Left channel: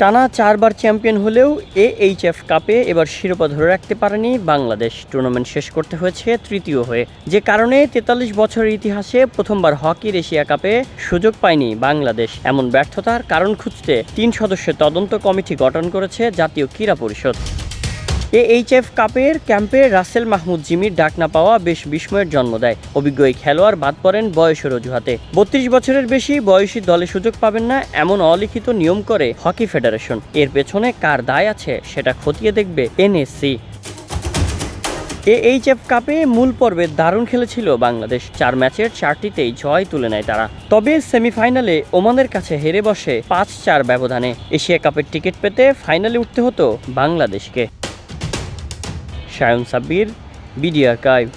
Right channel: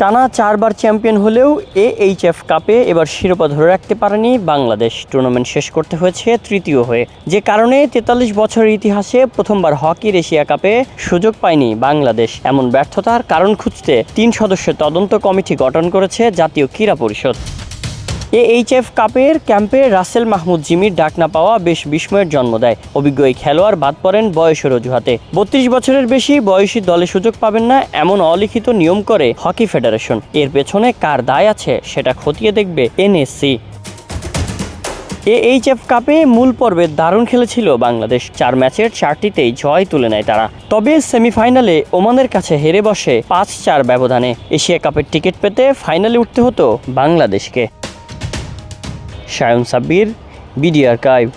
টানা 4 বার চ্যাম্পিয়ন হলেও এএইচএফ কাপে এবার শিরোপা ধরে রাখতে পারেনি বাংলাদেশ। টুর্নামেন্ট শেষ করতে হয়েছে তৃতীয় হয়ে, যে কারণে 43 বছরের ইতিহাসে প্রথমবার হকির এশিয়া কাপে সুযোগ পায়নি বাংলাদেশ। এমন ব্যর্থতার কারণ খুঁজতে 3 সদস্যের তদন্ত কমিটি গঠন করেছে জাতীয় ক্রীড়া পরিষদ। এএইচএফ কাপের ক্যাম্পে রাসেল মাহমুদ জিমির ডাক না পাওয়া বেশ বিস্ময়ের জন্ম দেয়। অভিজ্ঞ এই খেলোয়াড় বাদ পড়েন বয়সের অজুহাতে। 32 বছরের বেশি বয়সী দলে সুযোগ পাবেন না এমন অলিখিত নিয়ম করে হকি ফেডারেশন। এর পেছনে কার দায় আছে সেটা খতিয়ে দেখবে এনএসসি। এএইচএফ কাপে মূল পর্বে দারুণ খেলেছিল বাংলাদেশ। 4 ম্যাচের 4টিতেই জয় তুলে নেয় তারা। তবে সেমিফাইনালে ওমানের কাছে হেরে বসে 5-4 ব্যবধানে। এশিয়া কাপের টিকিট পেতে ফাইনালে উঠতে হতো বাংলাদেশকে। Shayan Sabbir, BD archive.